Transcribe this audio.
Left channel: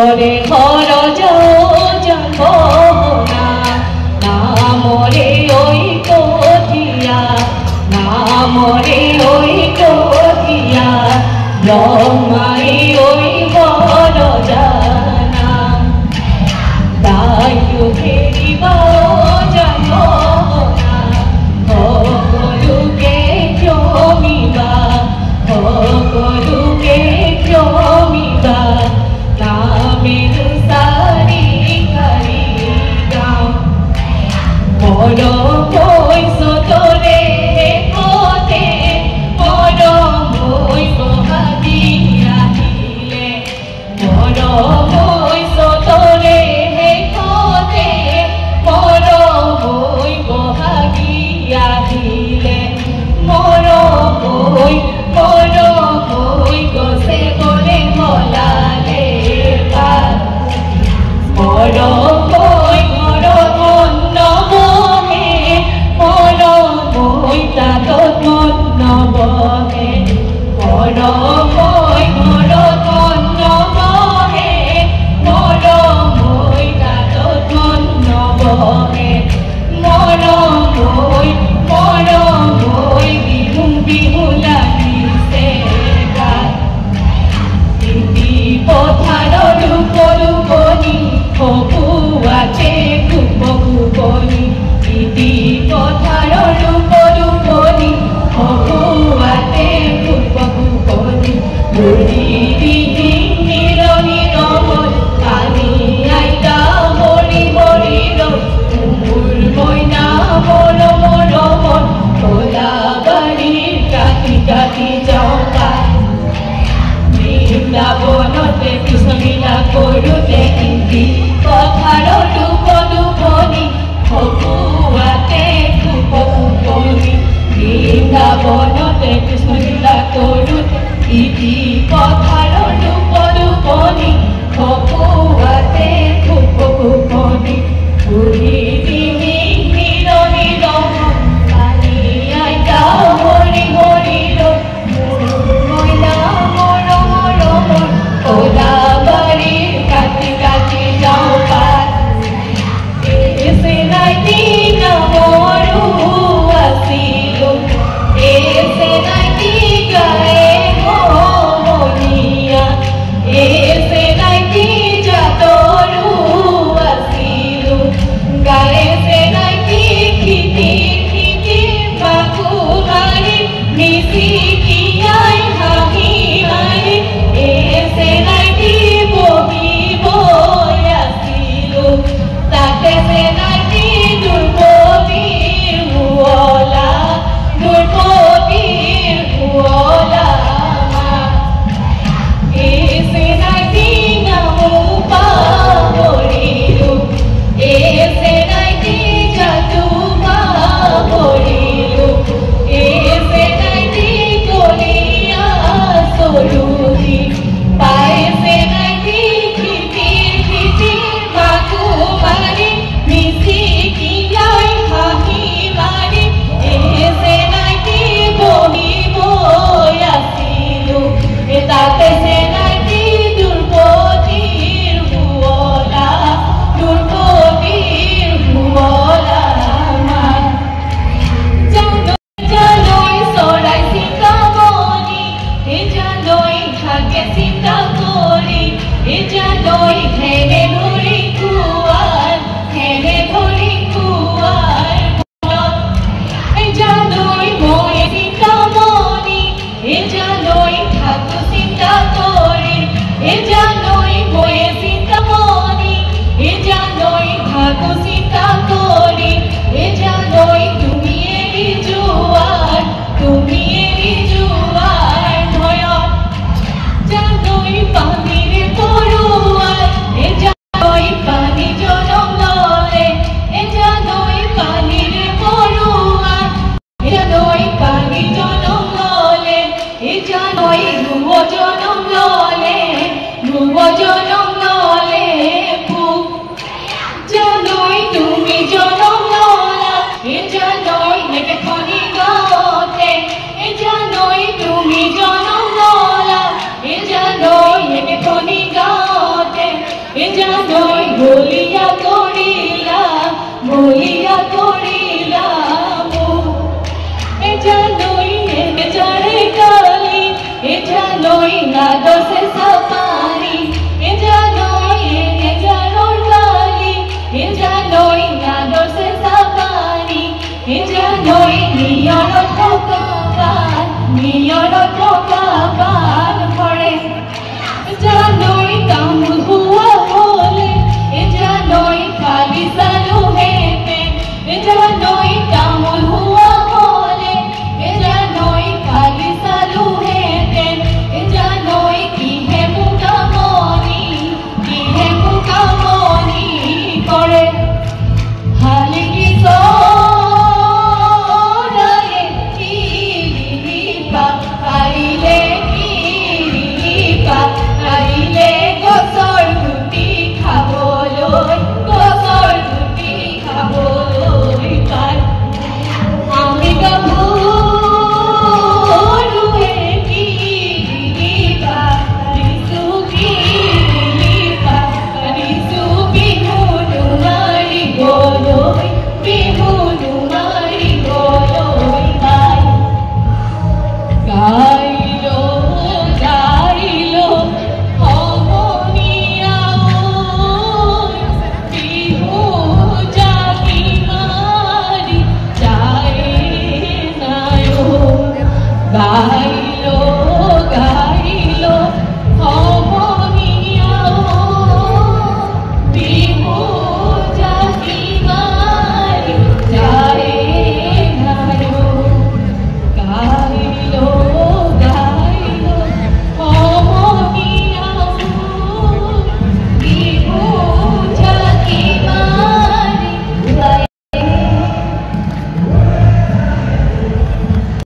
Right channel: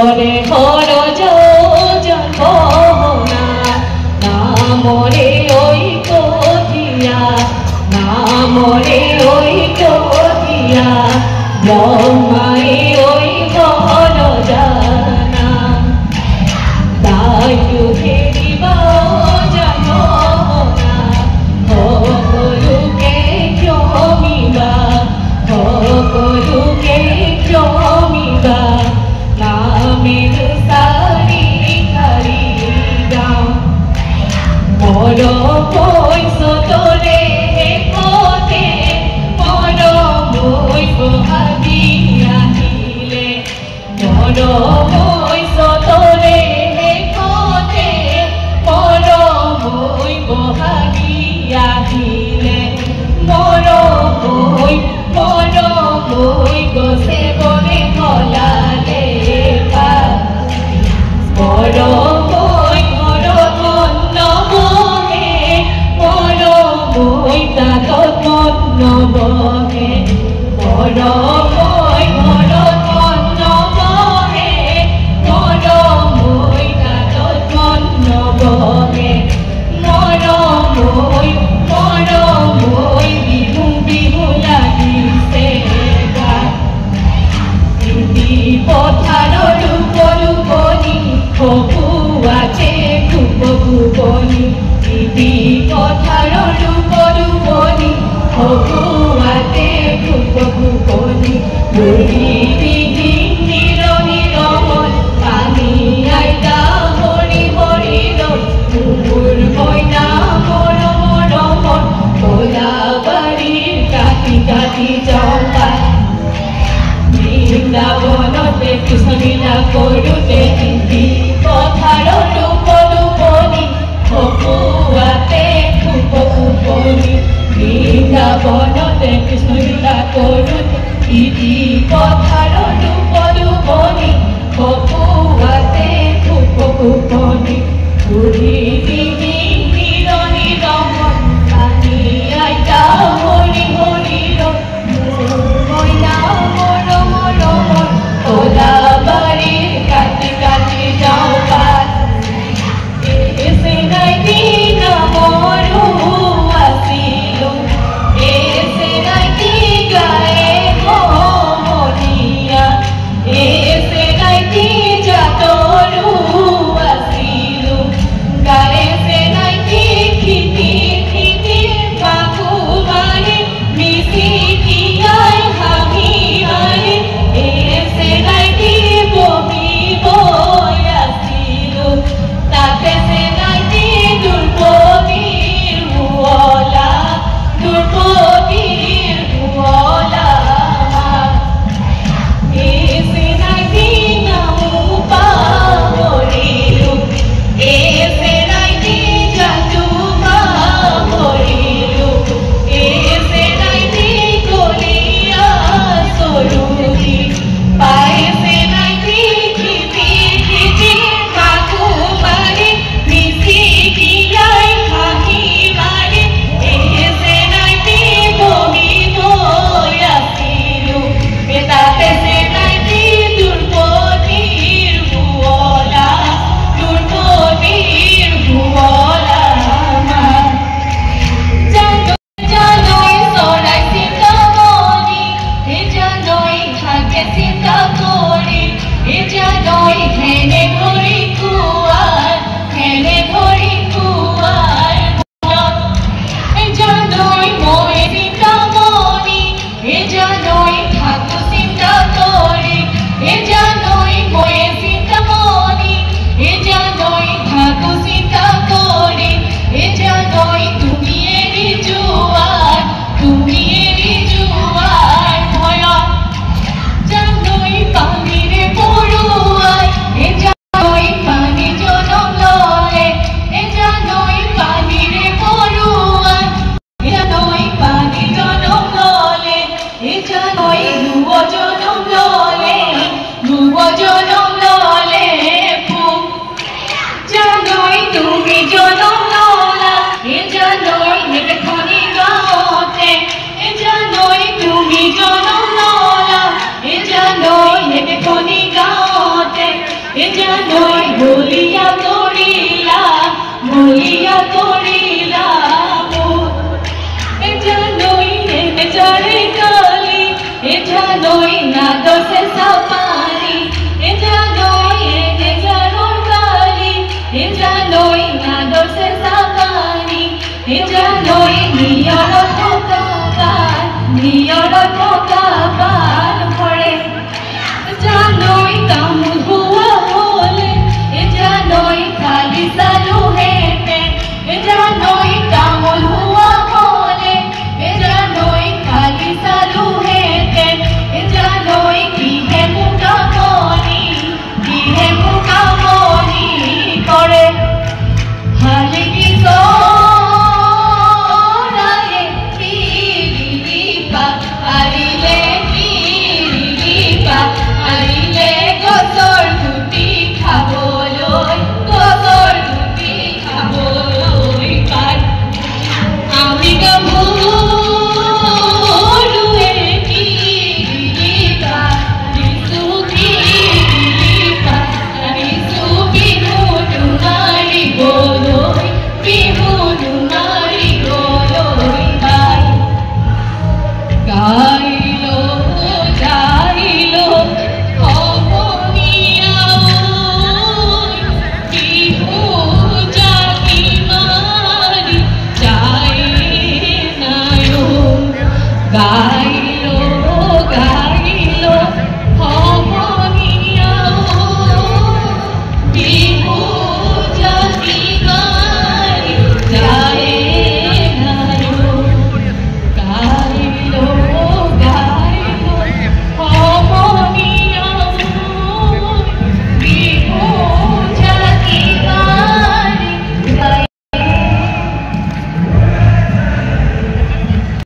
তোরে ঘর যাব না না মরে ওই কোথিয়া না মরে ওই কোথিয়া ব্রহ্মাই ওই ঘর জানা তাই ফেরিবা জানো না সকলুকে ক্ষমিবা সকলুকে ক্ষমিবা নামের সারি খারি যাও বড় কইস তোরে কোতে বড় বইব ভাবিয়া দিলে বড় কইস তোরে কোতে বড় বইব ভাবিয়া দিলে বড় বই গছে বলে মলালে পা বড় বই বড় ধন্য বহে বড় বই তাত ধন্য বহে বড় বই বড় ধন্য বহে বড় বই তাত ধন্য বহে বড় বই বিহু বিহু লাগিছে পথার রূপরু বনি হবুয়াতে ভুবনি দিদি পথার রূপরু বনি হবুয়াতে ভুবনি দিদি নির নির পানি আইতা হরি হরি রুর ময়না মর মর ওলা বাড়ির কাটি কাটি চম্পা বৃন্দাবনতে কৃষ্ণলীলা করুতে দিদি পথার রূপরূপনি হবুয়াতে ভুবনি বৃন্দাবনতে কৃষ্ণলীলা করুতে দিদি পথার রূপরূপনি হবুয়াতে ভুবনি পুরী দিদি নির নির পানি আইতা হরি হরি ময়না মর মর ওলা বাড়ির কাছে কাছে যাও এসে নাই দিন মরু আসিল এসে নাই দিন গায়ে মোহনিয়া এসে নাই দিন যাতরু আসিল গায়ে সে নাই দিন খিতি খিতি বাকুমারি মিশি কিয়াই ভাবি মারি এসে নাই দিন বহি বই আসিল তাতে সে নাই দিন দুর্গতির ভুয়লা দুর্গতির ভুয়লা এসে নাই দিন মুপা হরিল এসে নাই দিন যাতুবা হরিল এসে নাই দিন কলিয়া সরুরি পায়েসে নাই দিন খিতি খিতি বাকুমারি মিশি কিয়াই হাহি মারি এসে নাই দিন বহি বই আসিল তাতে সে নাই দিন দুর্গতির ভুয়লা দুর্গতির ভুয়লা জানই সরাই চিন্তা মনি জানই থাকে চিন্তা করি জানই ঠেনে ধরি কুয়ার ঠেনে ধরি কুয়ার জানই ময়ে চিন্তা মনি জানই থাকু চিন্তা করি জানই ময়ে চিন্তা মনি জানই থাকু চিন্তা করি জানই তুমি এরি জুয়ার ভয় জানই পানিরে পড়ুয়ার জানই পানি জনম লরে জানই পানিরে পড়ুয়ার জানই পানি জনম ললে জানই ডুব জনম ললে ফুক জানই তুমি জনম ললা জানই নেকে খনি গাতে জানই তুমি জনম ললা জানই নেকে খনি গাতে নিয়ৰ ঠোকা